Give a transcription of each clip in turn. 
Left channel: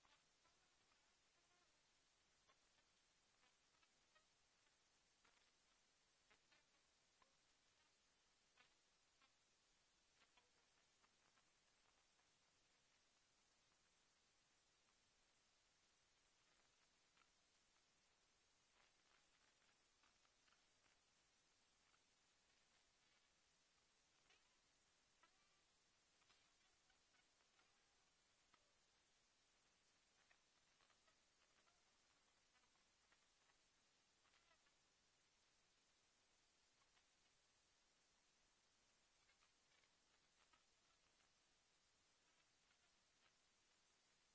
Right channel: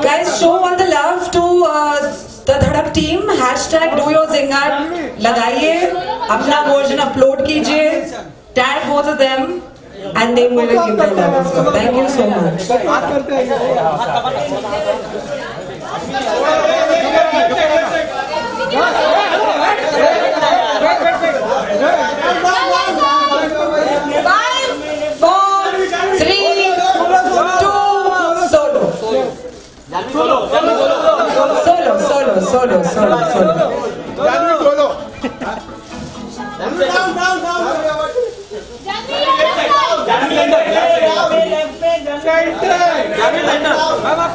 Guys, show all the love to the Dhadak team. #DoYourZingat लगाइए, अपना version upload कीजिए, tag both of them, and they will give their love. So thank you so much. Solo.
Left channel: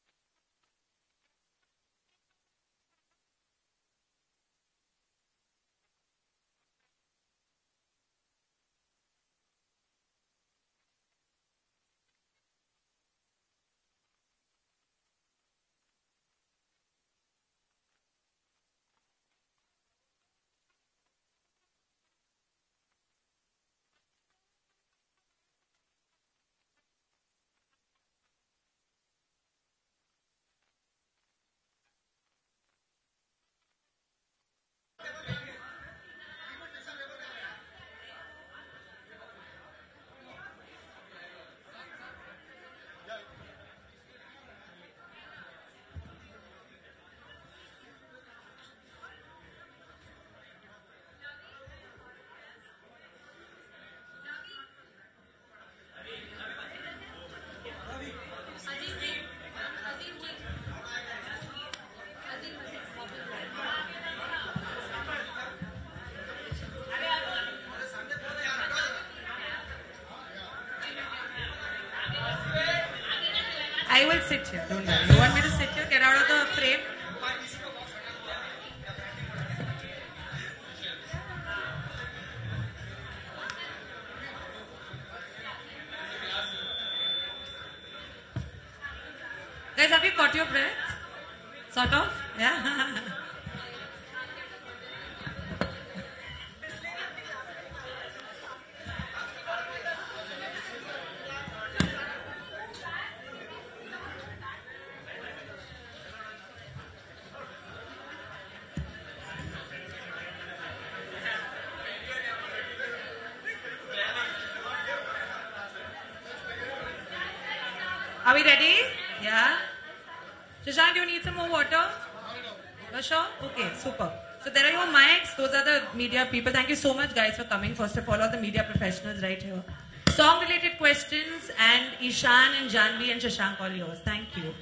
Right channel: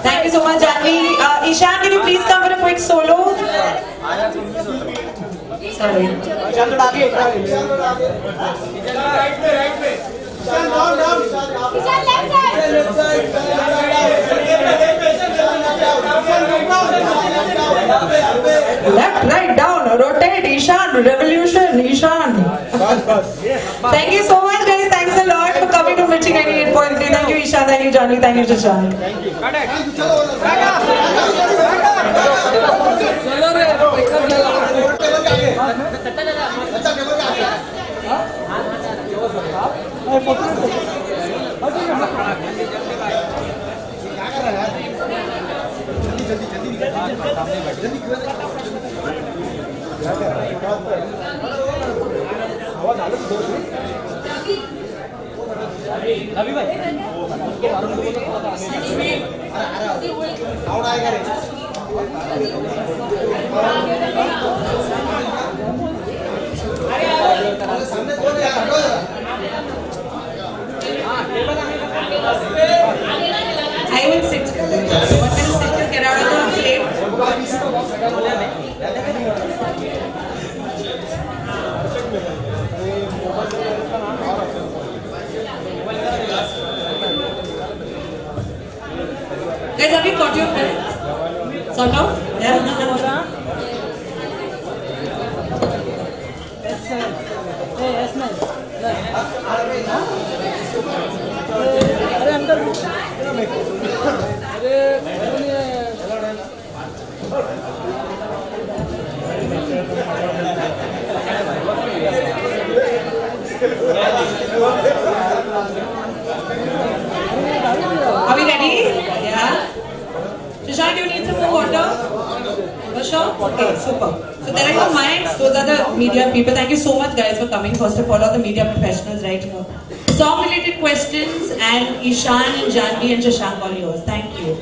Thank you so much, Janvi. Ishan, can you please come for a quick solo? Sorry. Left, right, down, rotate, Ishan, revolution, Ishan. Thank you so much, guys. Thanks a lot for coming to Mirchi 98.3. Thank you, Ishan. Thank you, Janvi. Thank you, Shashank. I will sit. What will sit and get out of the plate? Guys, have you got your plate? Sort of? Yeah. Are we ready? Yeah. Shashank, do you need some more water? For sure? Okay, super. So there are your mics. Those are the media people. Thank you so much, guys, for coming. First of all the media professionals right here. Song-related questions, and Ishan and Janvi and Shashank, all yours. Thank you.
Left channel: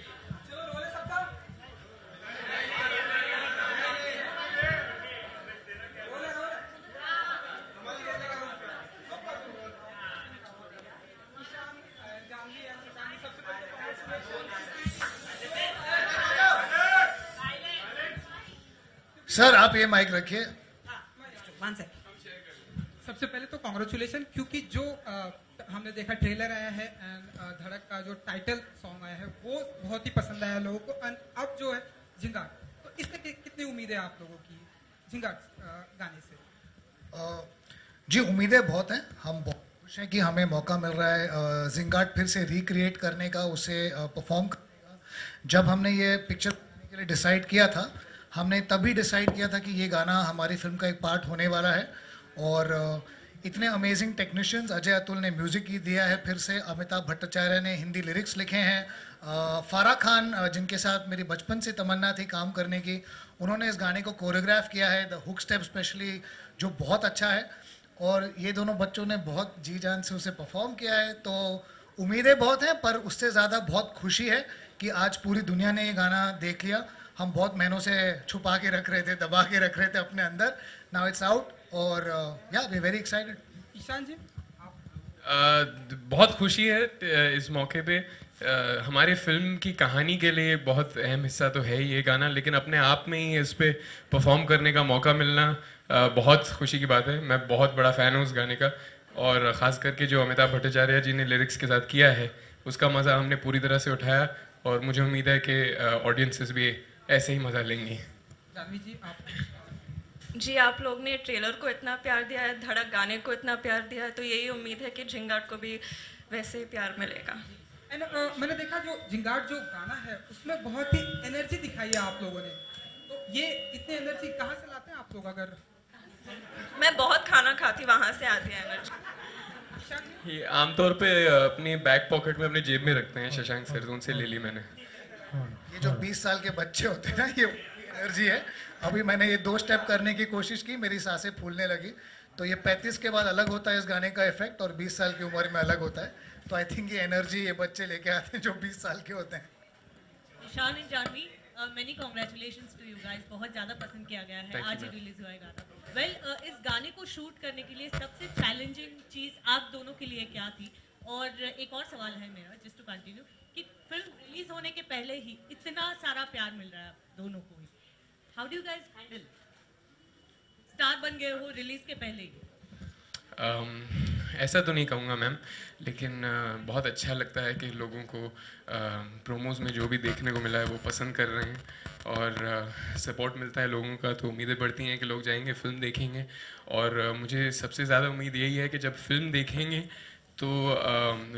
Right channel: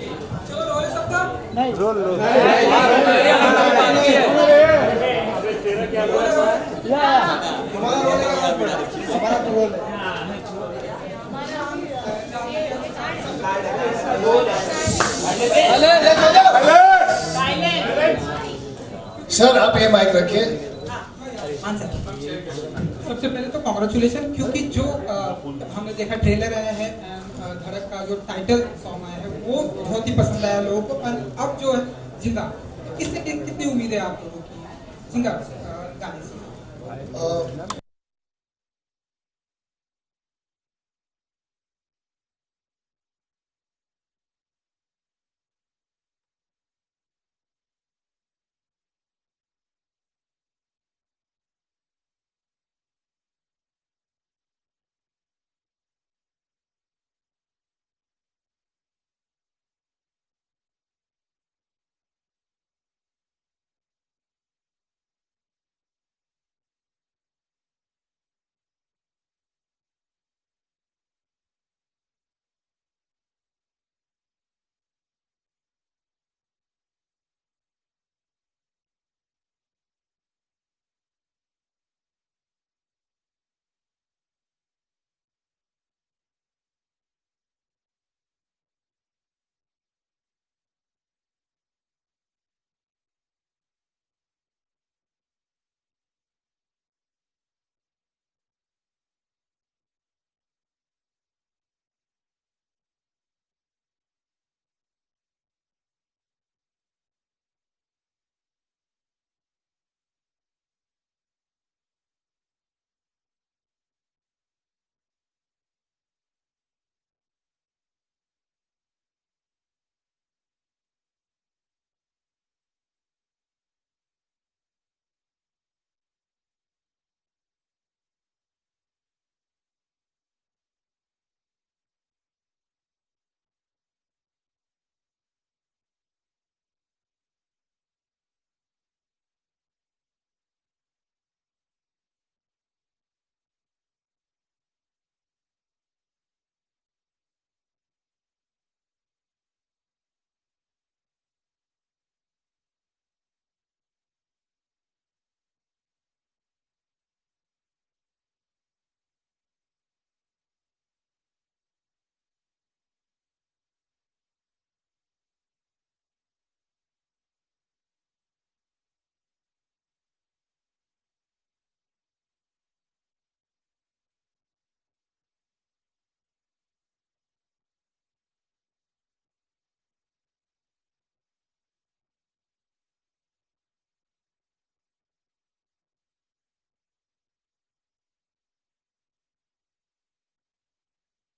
Sir आप ये mic रखिए। सबसे पहले तो congratulation, क्योंकि जो हमने देखा ट्रेलर आया है, धड़क का जो टाइटल सॉन्ग आया है वो बहुत ही पसंद आया लोगों को। अब जो है जिंदा, इससे कितनी उम्मीदें आप लोगों की जिंदा गाने से? जी उम्मीदें बहुत हैं। हम बहुत खुश हैं कि हमें मौका मिल रहा है जिंगाट फिर से रिक्रिएट करने का, उसे परफॉर्म करने का। जब हमने ये पिक्चर के लिए डिसाइड किया था, हमने तभी डिसाइड किया था कि ये गाना हमारी फिल्म का एक पार्ट होने वाला है। और इतने अमेजिंग टेक्नीशियंस, अजय अतुल ने म्यूज़िक ही दिया है, फिर से अमिताभ भट्टाचार्य ने हिंदी लिरिक्स लिखे हैं, फारा खान जिनके साथ मेरी बचपन से तमन्ना थी काम करने की, उन्होंने इस गाने को कोरियोग्राफ किया है, द हुक स्टेप स्पेशली, जो बहुत अच्छा है। और ये दोनों बच्चों ने बहुत जी जान से उसे परफॉर्म किया है। तो उम्मीदें बहुत हैं, पर उससे ज़्यादा बहुत खुशी है कि आज पूरी दुनिया ने ये गाना देख लिया। हम बहुत महीनों से छुपा के रख रहे थे, दबा के रख रहे थे अपने अंदर। नाउ इट्स आउट और या वी वेरी एक्साइटेड। ईशान जी, बहुत खुशी है इस मौके पे। हमारी फिल्म की कहानी के लिए बहुत अहम हिस्सा तो है ही ये गाना, लेकिन अपने आप में ही इस पे परफॉर्म करने का मौका मिलना बहुत खुशी की बात है। मैं बहुत बड़ा फ़ैन हूँ उस गाने का, और ख़ास करके जो अमिताभ भट्टाचार्य जी ने लिरिक्स के साथ किया है उसका मज़ा हमने पूरी तरह से उठाया, और मुझे उम्मीद है कि ऑडियंसेस भी ऐसे ही मज़ा लेंगी। जानवी जी आप जी, आप लोग ने ट्रेलर को इतना प्यार दिया है, धड़क गाने को इतना प्यार दिया है, तो यही उम्मीद है कि झिंगाट को भी वैसे ही प्यार मिलेगा। एंड मैंने देखा जो जिंगाट जो गाना है उसमें बहुत ही एनर्जी दिखाई है आप लोगों ने, तो ये इतनी एनर्जी कहाँ से लाते हैं आप लोग? अगर मैं बहुत खाना खाती, वहाँ से आती है एनर्जी। ये आमतौर पे अपनी बैक पॉकेट में अपनी जेब में रखते हैं शशांक सर, तो उनसे ले ली मैंने। ये जो 20 साल के बच्चे होते हैं ना, ये एनर्जी है। अभी मैंने ये 2 स्टेप करने की कोशिश की, मेरी सांसें फूलने लगी। तो ये 35 के बाद अलग होता है इस गाने का इफेक्ट, और 20 साल की उम्र में अलग होता है। तो आई थिंक ये एनर्जी ये बच्चे लेके आते हैं जो 20 साल के होते हैं। Ishaan and Jahnavi, many congratulations to you guys, बहुत ज़्यादा पसंद किया गया है, आज ही रिलीज हुआ है गाना। वेल, इस गाने को शूट करने के लिए सबसे चैलेंजिंग चीज़ आप दोनों के लिए क्या थी? और एक और सवाल है मेरा, जस्ट टू कंटिन्यू, कि फिल्म रिलीज होने के पहले ही इतना सारा प्यार मिल रहा है आप दोनों को ही, how do you guys handle? Star बन गए हो रिलीज के पहले ही। ऐसा तो नहीं कहूँगा मैम, लेकिन बहुत अच्छा लगता है कि लोगों को प्रोमोज में जो भी देखने को मिला है वो पसंद कर रहे हैं, और सपोर्ट मिलता है लोगों का, तो उम्मीदें बढ़ती हैं कि लोग जाएंगे फिल्म देखेंगे। और मुझे सबसे ज़्यादा उम्मीद यही है कि जब फिल्म देखेंगे तो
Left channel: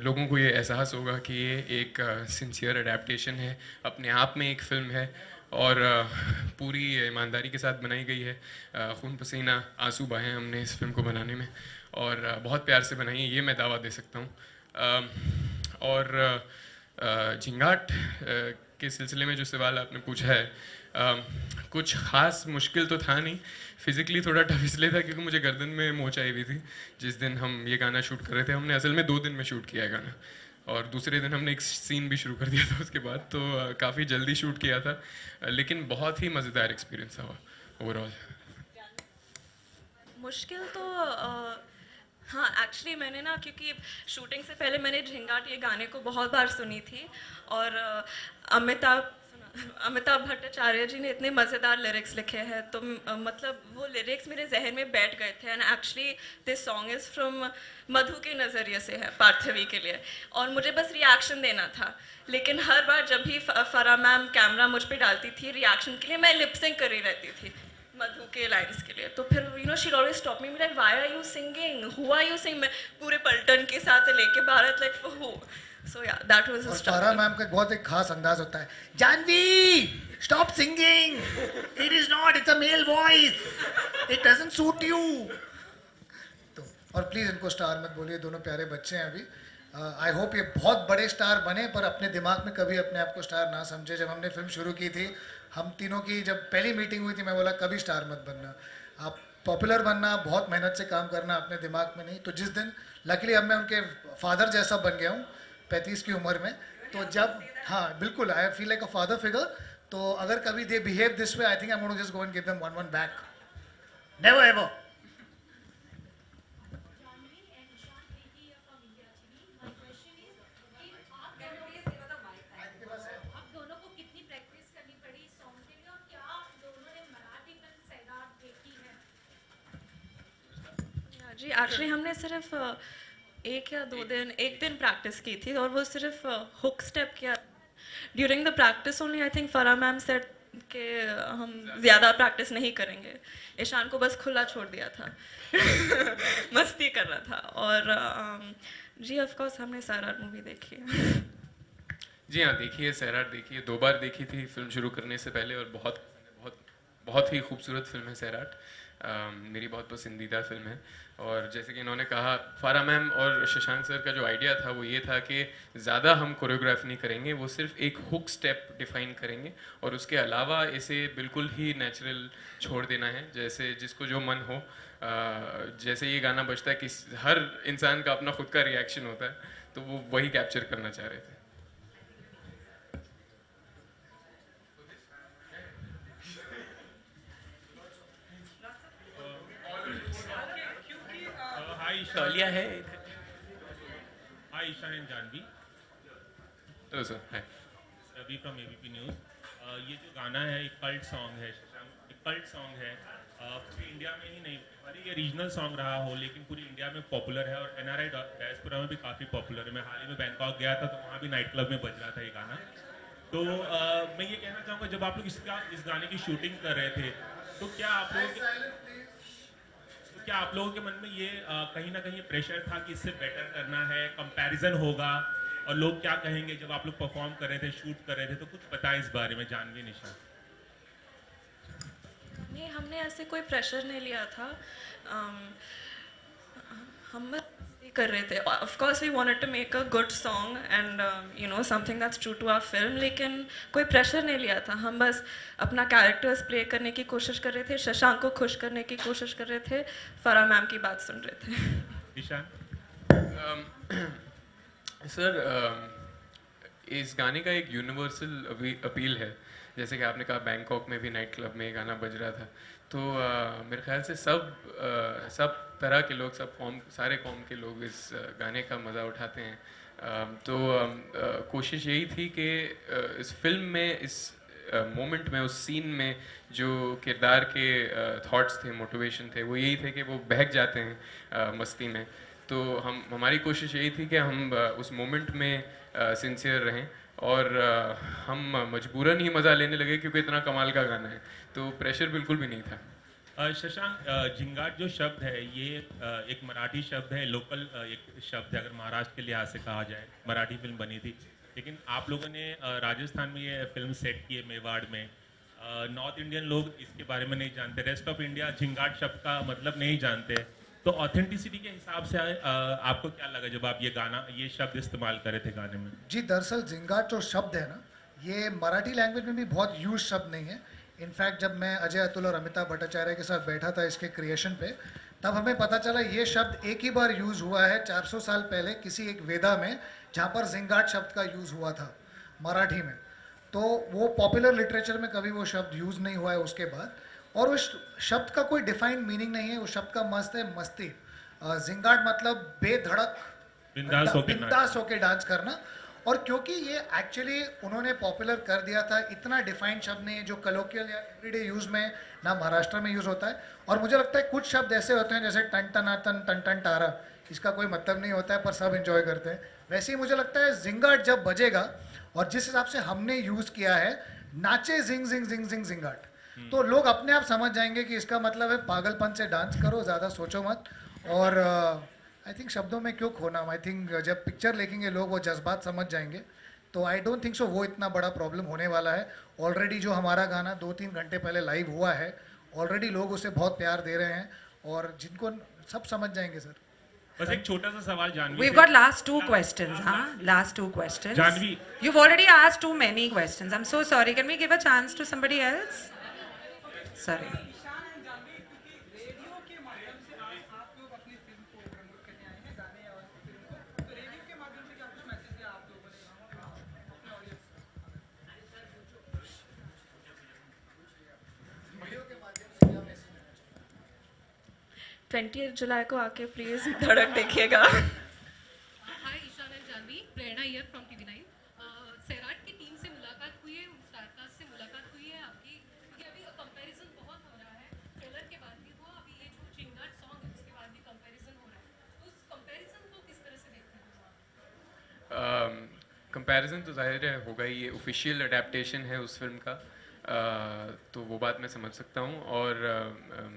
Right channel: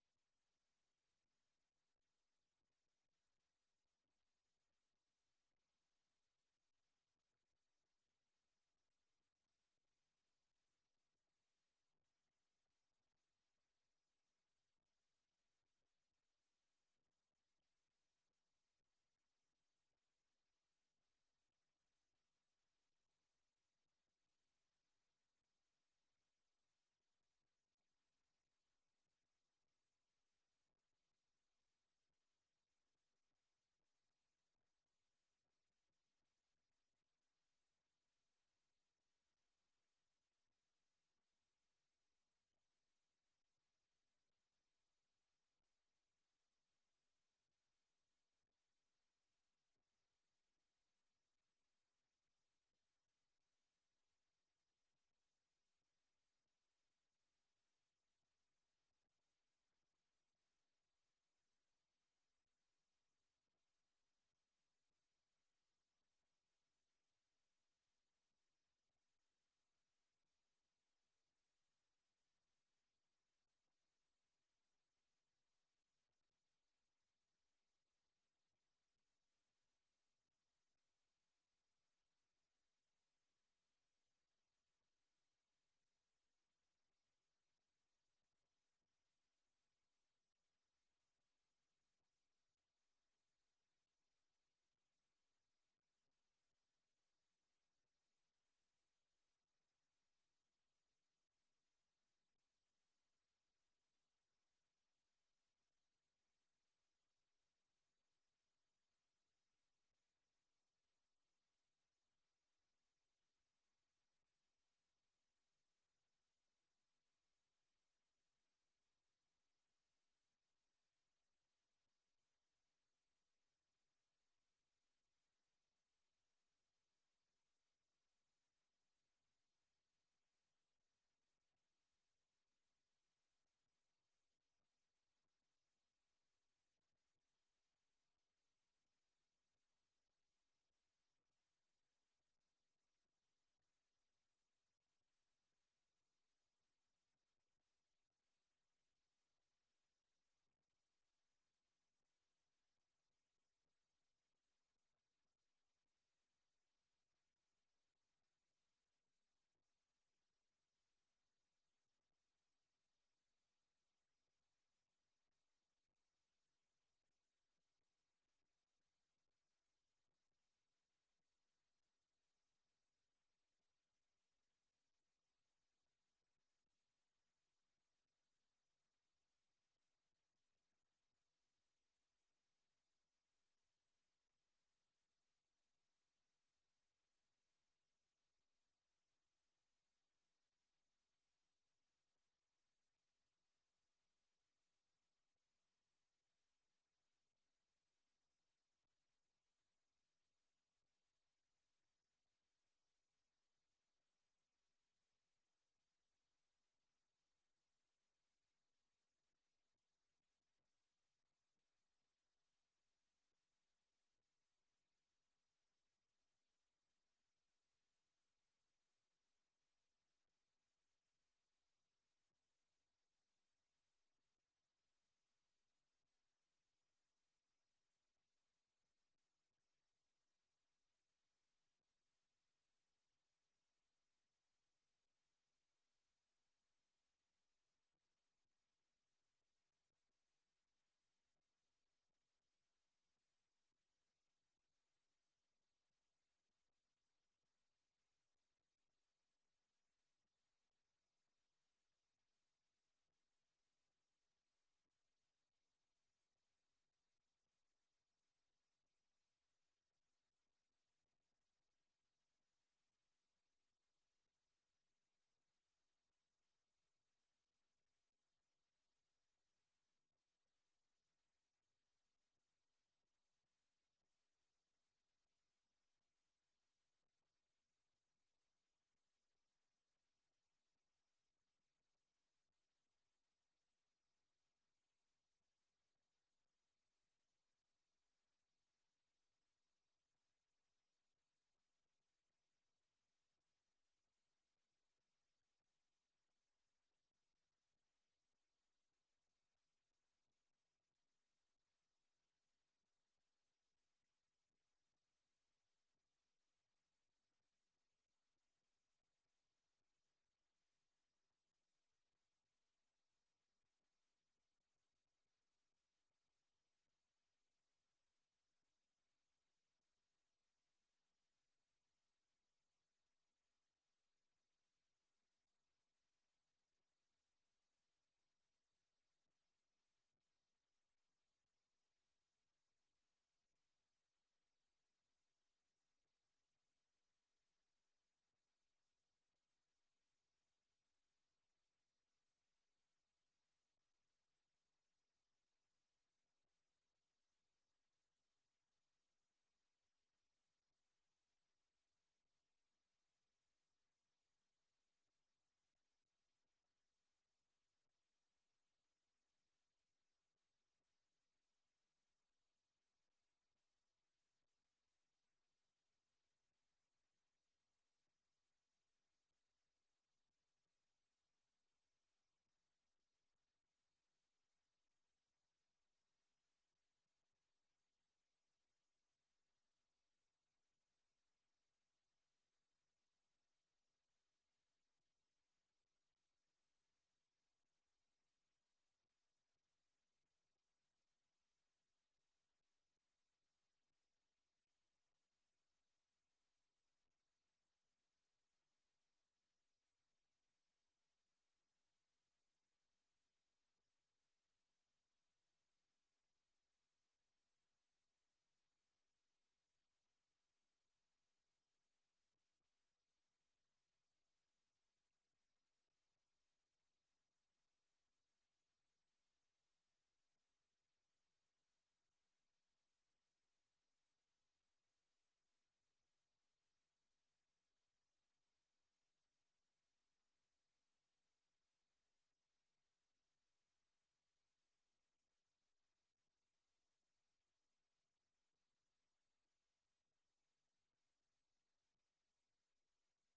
लोगों को ये एहसास होगा कि ये एक सिंसियर अडेप्टेशन है, अपने आप में एक फ़िल्म है, और पूरी ईमानदारी के साथ बनाई गई है। खून पसीना आंसू बहाए हमने इस फिल्म को बनाने में, और बहुत प्यार से बनाई है, ये मैं दावा दे सकता हूँ। और झिंगाट के सिलसिले में जो सवाल आपने पूछा है, कुछ ख़ास मुश्किल तो था नहीं। फिज़िकली थोड़ा टफ इसलिए था क्योंकि मुझे गर्दन में मोच आई हुई थी जिस दिन हम ये गाना शूट कर रहे थे। हमने असल में 2 दिन में शूट किया है गाना, और दूसरे दिन हमने एक सीन भी शुरू कर दिया था उसके बाद, तो काफ़ी जल्दी शूट किया था, लेकिन बहुत ही मज़ेदार एक्सपीरियंस था ओवरऑल। मुश्किल तो हाँ, एक्चुअली मैंने ना, क्योंकि शूटिंग से पहले मैंने झिंगाट ये गाने को बहुत बार सुनी थी, और अमिताभ भट्टाचार्य जी ने इतने मज़ेदार लिरिक्स लिखे हैं, तो मतलब वो लिरिक्स मेरे जहन में बैठ गए थे। And actually this song is from Madhu के नज़रिए से है, पार्थवी के लिए, और मुझे बस रिएक्शन देना था। लेकिन हर बार जब भी फरा मैम कैमरा मुझ पे डालती थी रिएक्शन के लिए, मैं लिपसिंग करी रहती थी मधु के लाइन्स के लिए। तो फिर you know she always stop me, like why are you singing, who are you singing, पूरे पलटन के साथ लेके Bharat, like for who. So yeah that was a फरा मैम का बहुत एक खास अंदाज होता है, Janhvi stop singing, it is not, it's a male voice, it doesn't suit you. तो और प्लीज इनको स्टार मत बोलिए, दोनों प्यारे बच्चे हैं अभी। आई होप ये बहुत बड़े स्टार बने, पर अपने दिमाग में कभी अपने आप को स्टार ना समझे। जब हमने फिल्म शुरू की थी, हम तीनों की जब पहली मीटिंग हुई थी, मैं बोला कभी स्टार मत बनना, आप पॉपुलर बनना, बहुत मेहनत से काम करना, अपने दिमाग में नहीं। तो जिस दिन लकीली अब मैं उनके फादर जैसा बन गया हूँ 35 की उम्र में, तो जब हाँ बिल्कुल I feel like a father figure, तो अगर कभी they behave this way, I think I am going to just go and give them one back, never ever. जी, एक्चुअली हमने सिर्फ एक दिन प्रैक्टिस की थी, और वो सिर्फ हुक स्टेप किया। During the practice only I think फरा मैम सेड कि हम ज़्यादा प्रैक्टिस नहीं करेंगे। ईशान को बस खुला छोड़ दिया था मस्ती कर रहा था। और जी ऑफ कोर्स हमने सैराट मूवी देखी है। जी हाँ, देखी है, सैराट देखी है, 2 बार देखी थी फिल्म शुरू करने से पहले, और बहुत बहुत बहुत ही खूबसूरत फिल्म है सैराट। मेरी बहुत पसंदीदा फिल्म है। और जैसे कि इन्होंने कहा, फारा मैम और शशांक सर का जो आइडिया था वो ये था कि ज़्यादा हम कोरियोग्राफ नहीं करेंगे, वो सिर्फ एक हुक स्टेप डिफाइन करेंगे, और उसके अलावा इसे बिल्कुल ही नेचुरल छोड़ देना है, जैसे जिसको जो मन हो। जैसे ये गाना बजता है कि हर इंसान का अपना खुद का रिएक्शन होता है, तो वो वही कैप्चर करना चाह रहे थे। तौलिया है। Hi, Ishan and Janvi. Hello sir. Hi. Ravi from ABP News. ये जो गाना है एक कल्ट सॉन्ग है, एक कल्ट सॉन्ग है। पूरी इंडिया में ही नहीं, भले ये रीजनल सॉन्ग रहा हो, लेकिन पूरी इंडिया में पॉपुलर है, और NRI डायस्पोरा में भी काफ़ी पॉपुलर है। मैं हाल ही में बैंकॉक गया था, तो वहाँ भी नाइट क्लब में बज रहा था ये गाना। तो मैं ये कहना चाहूँगा, जब आप लोग इस गाने की शूटिंग कर रहे थे, तो क्या आप लोगों के मन में ये कहीं ना कहीं प्रेशर था कि इससे बेटर करना है, कंपैरिजन होगा और लोग क्या कहेंगे? जब आप लोग परफॉर्म कर रहे थे, शूट कर रहे थे, तो कुछ बताएं इस बारे में, जानवी, निशा। नहीं, हमने ऐसे कोई प्रेशर नहीं लिया था। हम बस ये कर रहे थे। Of course we wanted to make a good song and you know something that's true to our film, लेकिन कोई प्रेशर नहीं लिया था। हम बस अपना कैरेक्टर्स प्ले करने की कोशिश कर रहे थे, शशांक को खुश करने की कोशिश कर रहे थे, फराह मैम की बात सुन रहे थे। निशा। सर, इस गाने का एक यूनिवर्सल अपील है। जैसे कि आपने कहा बैंकॉक में भी नाइट क्लब में ये गाना बज रहा था, तो मेरे ख्याल से सब तरह के लोग, सारे कौम के लोग इस गाने का मज़ा उठाते हैं। तो कोशिश यही थी कि इस फिल्म में, इस मोमेंट में, उस सीन में जो किरदार के थॉट्स थे, मोटिवेशन थे, वो यही थे कि वो बहक जाते हैं मस्ती में। तो हमारी कोशिश यही थी कि हम उस मोमेंट में सिंसियर रहें और हम मजबूरन ही मज़ा लेने लगे क्योंकि इतना कमाल का गाना है, तो प्रेशर बिल्कुल भी नहीं था। शशांक, झिंगाट जो शब्द है, ये एक मराठी शब्द है, लोकल एक शब्द है अगर महाराष्ट्र के लिहाज से कहा जाए। मराठी फिल्म बनी थी, लेकिन आप लोगों ने राजस्थान में ये फिल्म सेट की है, मेवाड़ में। नॉर्थ इंडियन लोग इसके बारे में नहीं जानते, रेस्ट ऑफ इंडिया झिंगाट शब्द का मतलब नहीं जानते। तो ऑथेंटिसिटी के हिसाब से आपको क्या लगा जब आप ये शब्द इस्तेमाल करे थे गाने में? जी, दरअसल झिंगाट जो शब्द है ना, ये मराठी लैंग्वेज में भी बहुत यूज शब्द नहीं है। इनफैक्ट जब मैं अजय अतुल और अमिताभ भट्टाचार्य के साथ बैठा था इसके क्रिएशन पे, तब हमें पता चला ये शब्द एक ही बार यूज़ हुआ है 400 साल पहले किसी एक वेदा में, जहाँ पर झिंगाट शब्द का यूज़ हुआ था मराठी में। तो वो पॉपुलर लिटरेचर में कभी वो शब्द यूज़ नहीं हुआ है उसके बाद। और उस शब्द का कोई डिफाइंड मीनिंग नहीं है। उस शब्द का मस्त है मस्ती। झिंगाट मतलब बेधड़क, बिंदास होके डांस करना। और क्योंकि ये एक्चुअली उन्होंने पॉपुलर कर दिया था, इतना डिफाइंड शब्द नहीं है जो कलोकियल या एवरीडे यूज़ में ना महाराष्ट्र में यूज़ होता है। और मुझे लगता है कुछ शब्द ऐसे होते हैं जैसे टन टनाटन, टन टन टारा, इसका कोई मतलब नहीं होता है पर सब एंजॉय करते हैं। वैसे ही मुझे लगता है झिंगाट जब बजेगा और जिस हिसाब से हमने यूज़ किया है, नाचे जिंग जिंग जिंग जिंग झिंगाट, तो लोग अपने आप समझ जाएंगे कि इसका मतलब है पागलपन से डांस करो, ज़्यादा सोचो मत। और आई थिंक शब्दों में क्यों खोना। आई थिंक जब पिक्चर देखेंगे लोग वो जज्बात समझ जाएंगे। तो आई डोंट थिंक सो वो इतना बड़ा प्रॉब्लम होने वाला है। ऑलरेडी जो हमारा गाना 2-3 घंटे पहले लाइव हुआ है, ऑलरेडी लोग उसे बहुत प्यार दे रहे हैं और जिनको सब समझ जाएंगे सर। बस एक छोटा सा सवाल Janhvi, We've got last 2 questions, huh? Last 2 questions. Janhvi, You've already asked too many questions. I'm so sorry. Can we give a chance to somebody else? Sorry. Radio के माध्यम से आप लोग अपनी फिल्म को प्रमोट करने आए हैं, गाने और फिल्म को, तो रेडियो के माध्यम से क्या कुछ मैसेज दिया आप लोगों ने अपने ऑडियंस को? 20 जुलाई को आके प्लीज धड़क देखिएगा। Hi Ishaan and Janhvi, Prerna here from TV9। Sairat की टीम से मुलाकात हुई है, स्टारकास्ट से मुलाकात हुई है आपकी, क्योंकि अभी कंपैरिजन बहुत हो रहा है, ट्रेलर के बाद भी हुआ, अभी ये जो चिंगाट सॉन्ग है उसके बाद भी कंपैरिजन हो रहा है, तो उस कंपैरिजन को किस तरह से देखते हैं आप? कंपैरिजन तो जाहिर है होगा ही, ये ऑफिशियल अडेप्टेशन है उस फिल्म का, तो वो बात मैं समझ सकता हूँ। और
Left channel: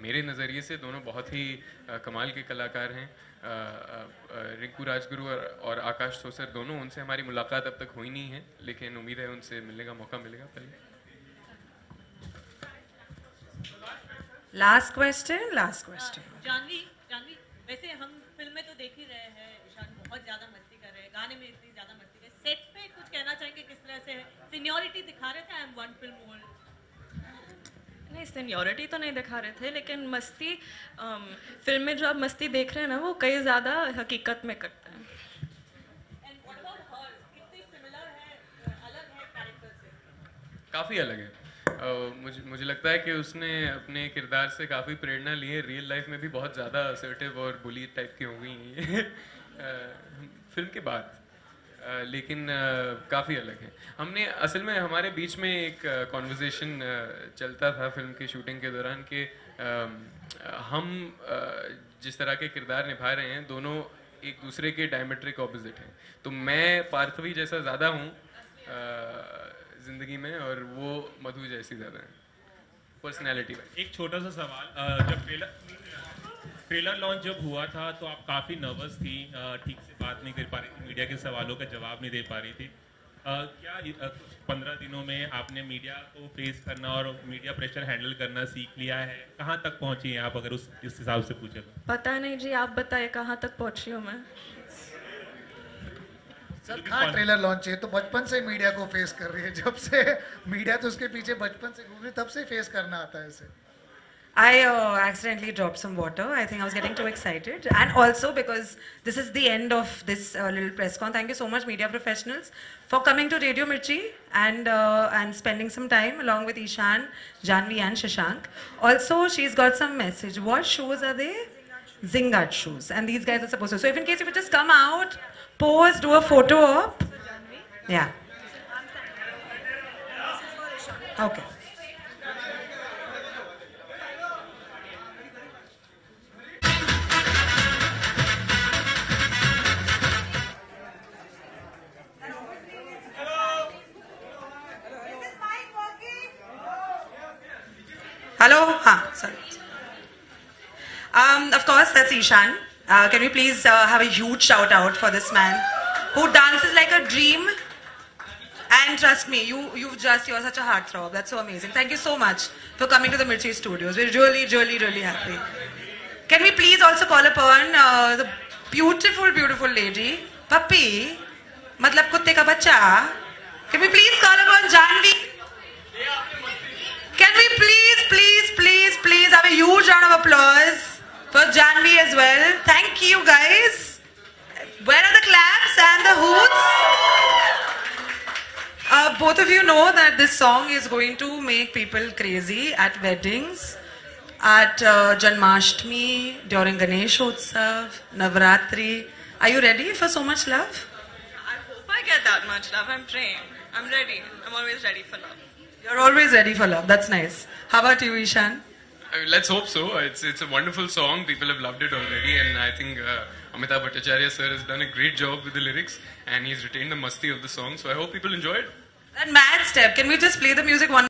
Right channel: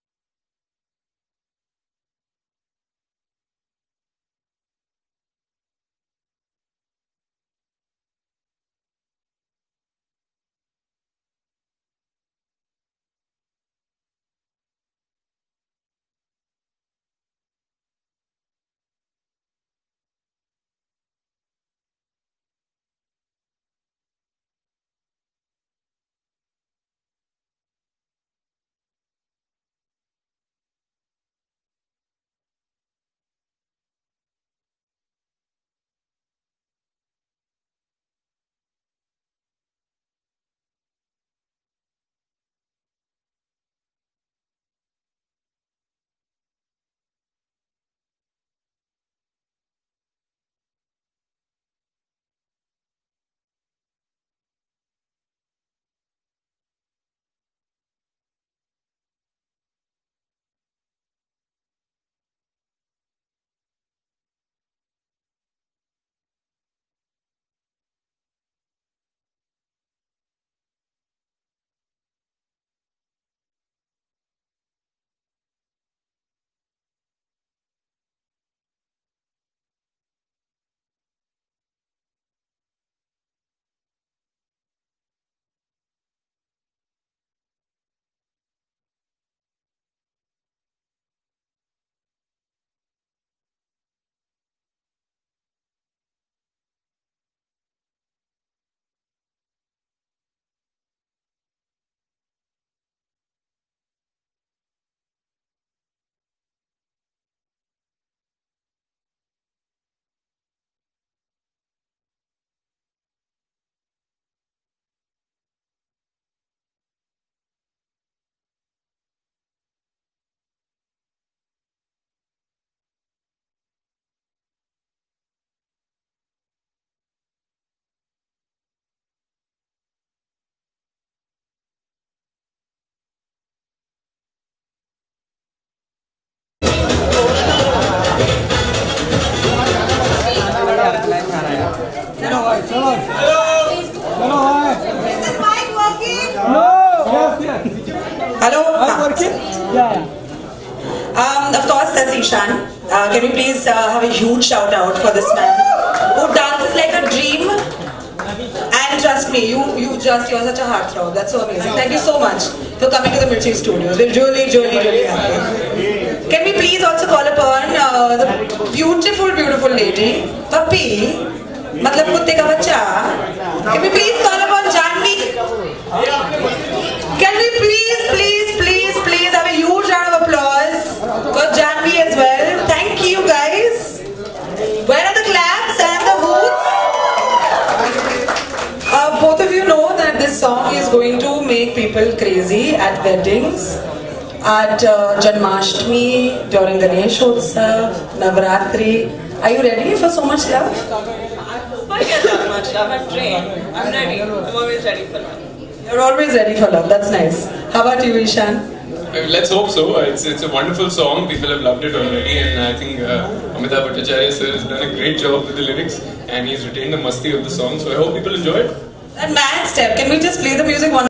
मेरे नज़रिए से दोनों बहुत ही कमाल के कलाकार हैं। रिंकू राजगुरु और आकाश सोसर दोनों, उनसे हमारी मुलाकात अब तक हुई नहीं है, लेकिन उम्मीद है उनसे मिलने का मौका मिलेगा पहले। Last question. जानवी, वैसे हम फिल्म में तो देख ही रहे हैं, ईशान बहुत ज़्यादा मस्ती कर रहे हैं, गाने में इतनी ज़्यादा मस्ती कर, सेट पे कुछ कहना चाहेंगे किस तरह से सीनियरिटी दिखा रहे थे? I am one film old. नहीं, सीनियरिटी तो नहीं दिखा रहे थे, लेकिन मस्ती फिल्म में जो आप मस्ती देख रहे हैं ना, वो कई ज़्यादा हकीकत में करते हैं। एंड व्हाट अबाउट हर, कितनी सिमिलर है, अलग है कैरेक्टर से? काफ़ी अलग है। मुझे लगता है कि उसने अपने किरदार से काफ़ी प्रेरणा ली है। रियल लाइफ में भी बहुत ज़्यादा असर्टिव और बुली टाइप की हो गई हैं फिल्म के बाद, लेकिन काफ़ी अलग है। हमने असल में हमारे बीच में एक कॉन्वर्सेशन चलता था फिल्म की शूटिंग के दौरान कि हम जिस तरह के किरदार निभा रहे हैं, दोनों एक दूसरे के डायमेट्रिक ऑपोजिट हैं। तो मैं पार्थवी जैसा ज़्यादा हूँ, ज़िंदगी में, और वो मधु जैसी ज़्यादा है पर्सनैलिटी में। एक छोटा सा सवाल, जब ट्रेलर लॉन्च जब हुआ था तो आप काफ़ी नर्वस थी, ठीक से बात नहीं कर पा रही थी, मीडिया के सवालों का जवाब नहीं दे पा रही थी। क्या 15 दिनों में आपने मीडिया को फेस करना और मीडिया प्रेशर हैंडल करना सीख लिया है? कहाँ तक पहुँची हैं आप, अगर इस हिसाब से पूछे तो? पता नहीं जी, आप बताइए कहाँ तक पहुँची हूँ मैं। सर कहाँ ट्रेलर लॉन्च है तो बचपन से मीडिया को फेस कर रही है, जब से मीडिया तो उसके पीछे बचपन से घूम रही, तब से फेस करना आता है इसे। I accidentally dropped some water. I think I was getting too excited. And also because this is the end of this little press con. Thank you so much, media professionals, for coming to Radio Mirchi and spending some time along with Ishan, Janvi and Shashank. Also, she's got some message. What shoes are they? Zingard shoes. And these guys are supposed to. So if in case you could just come out, pose, do a photo op. Yeah. Okay. Hello? Of course, that's Ishan. Can we please have a huge shout out for this man who dances like a dream? And trust me, you're such a heartthrob. That's so amazing. Thank you so much for coming to the Mirchi Studios. We're really happy. Can we please also call upon the beautiful lady, Puppy, matlab kutte ka bachcha. Can we please call upon Janvi? Can we please have a huge round of applause for Janvi as well? Thank you guys. Where are the claps and the hoots? Both of you know that this song is going to make people crazy at weddings, at Janmashtami, during Ganeshotsav, Navratri. Are you ready for so much love? I get that much love. I'm trained. I'm ready. I'm always ready for love. You're always ready for love. That's nice. How about you, Ishan? Let's hope so. It's a wonderful song. People have loved it already, and I think Amitabh Bhattacharya sir has done a great job with the lyrics, and he's retained the masti of the song. So I hope people enjoy it. And man step. Can we just play the music one?